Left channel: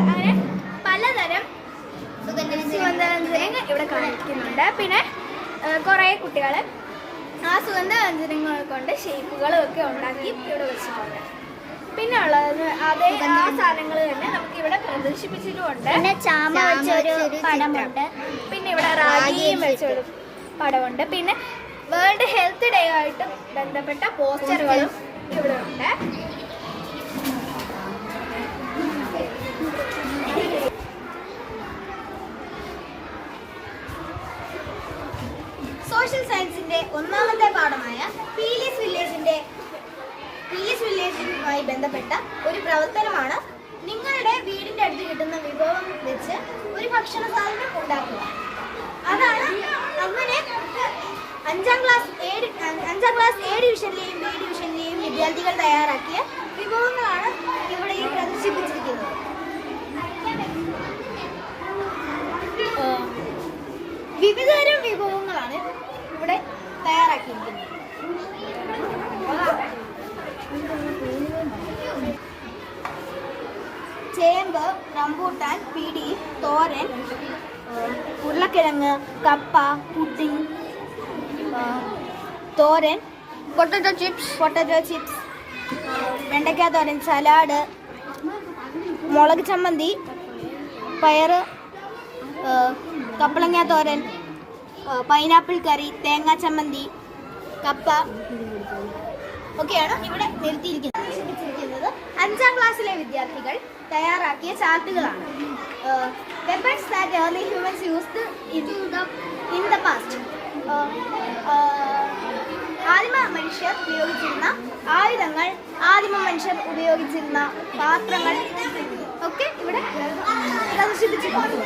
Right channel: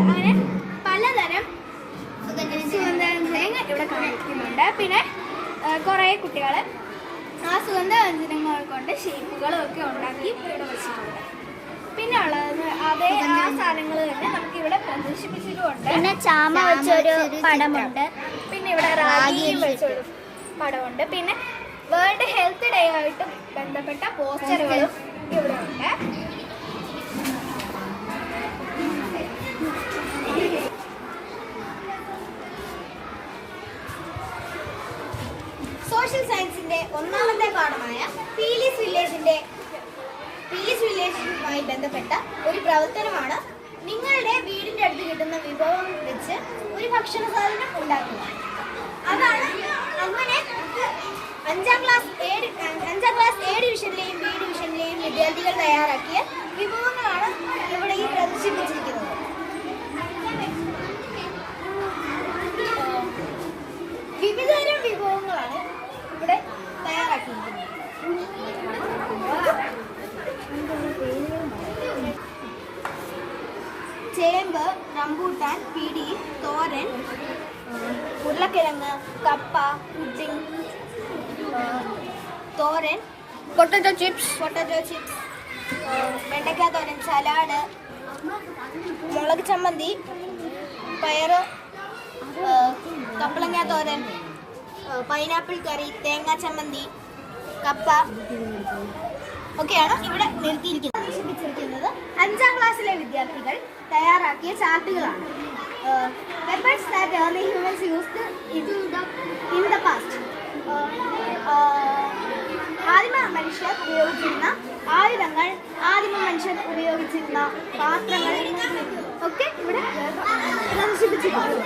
അങ്ങനെ പലതരം സുഗന്ധവ്യഞ്ജനങ്ങൾ ഇവിടെ കാണിക്കുന്നുണ്ട്. പിന്നെ കുറേ കുട്ടികൾ ആ സുഗന്ധവ്യഞ്ജനങ്ങൾ കൊണ്ട് ഷേപ്പുകളും ഒക്കെ ഉണ്ടാക്കി ഇവിടെ വെച്ചിട്ടുണ്ട്. പിന്നെ ഉള്ളത് അതേ ആ സാധനങ്ങൾ തന്നെ നമുക്ക് ഇവിടെ പ്രദർശിപ്പിച്ചിട്ടുമുണ്ട്. പിന്നെ ചാമ വെച്ചൊരു പടമുണ്ട്. പിന്നെ ഇവിടെ റാഗിയും വെച്ചൊരു പടമുണ്ട്. പിന്നെ വേൾഡ് ഹെൽത്ത് ഡേ ആയിട്ട് ബന്ധപ്പെട്ട പോസ്റ്ററുകളും ഇവിടെ ഉണ്ട്. സോഷ്യൽ സയൻസിന്റെ ഒന്നാമത്തെ പാഠമായ പീലീസ് വില്ലേജുമായി ബന്ധപ്പെട്ട ഒരു പ്രവർത്തനമാണ് നിങ്ങളുടെ വീടിന്റെ അടുത്ത് കിട്ടുന്ന വിഭവം വെച്ച് ഒരു ഭക്ഷണ സാധനം ഉണ്ടാക്കുക. അതാണ് അങ്ങനെ 5ാം ക്ലാസ് എ ഡിവിഷനിലെയും ബി ഡിവിഷനിലെയും വിദ്യാർത്ഥികൾ തയ്യാറാക്കിയ വിഭവങ്ങളാണ് ഇവിടെ ഈ പ്രദർശിപ്പിച്ചിരിക്കുന്നത്. വിവിധതരം വിഭവങ്ങളാണ് ഇവിടെ തയ്യാറാക്കിയിരിക്കുന്നത്. ചേമ്പ്, റംബൂട്ടാൻ, പിടി, തോരൻ, ഉരുളക്കിഴങ്ങ്, കപ്പ, പുഡിംഗ്, തോരൻ, പൊട്ടറ്റോ ചിപ്സ്, വെണ്ടയ്ക്ക തോരൻ, സലാഡ്, മുളക് ചമ്മന്തി, പയറ്, കപ്പളങ്ങ തോരൻ, പൈനാപ്പിൾ കറി, തേങ്ങാ ചമ്മന്തി, കപ്പ ഒക്കെയാണ് ഇവിടെ നിർത്തിയിരിക്കുന്നത്. 5ാം ക്ലാസ്സിലെ വിദ്യാർത്ഥികൾ തയ്യാറാക്കിയ ചാർട്ടുകളാണ്. Weapons that early humans used in the past. ആദിമ മനുഷ്യർ ഉപയോഗിച്ചിരുന്ന ആയുധങ്ങൾ, ആദിമ മനുഷ്യർ ഉപയോഗിച്ചിരുന്ന പാത്രങ്ങൾ ഒക്കെ ഇവിടെ പ്രദർശിപ്പിച്ചിട്ടുണ്ട്.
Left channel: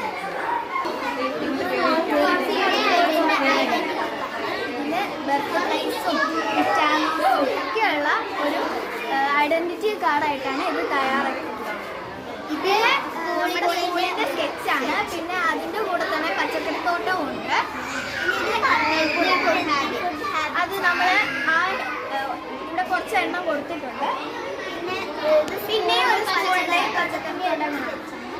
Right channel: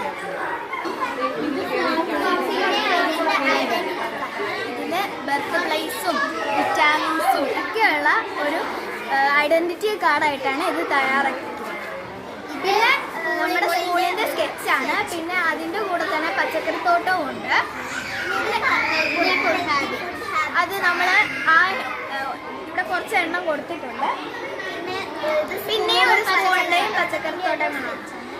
ഇതിൻ്റെ ബർത്ത്പ്ലേസും വിറ്റാമിൻസും ഒക്കെയുള്ള ഒരു ഐഡന്റിറ്റി കാർഡായിട്ടാണ് ഇത് തയ്യാറാക്കിയിട്ടുള്ളത്. ഇതിൽ നമ്മുടെ സ്കൂളിൻ്റെ സ്കെച്ചാണ്. പിന്നെ അതിൻ്റെ കൂടെ തന്നെ പച്ചക്കറിത്തോട്ടവും ഉണ്ട്. അത് നമ്മൾ ഇവിടെ കുറച്ച് എണ്ണം കൊടുത്തിട്ടുണ്ട്. പിന്നെയും ഒരു സ്കൂളിലെ പച്ചക്കറിത്തോട്ടം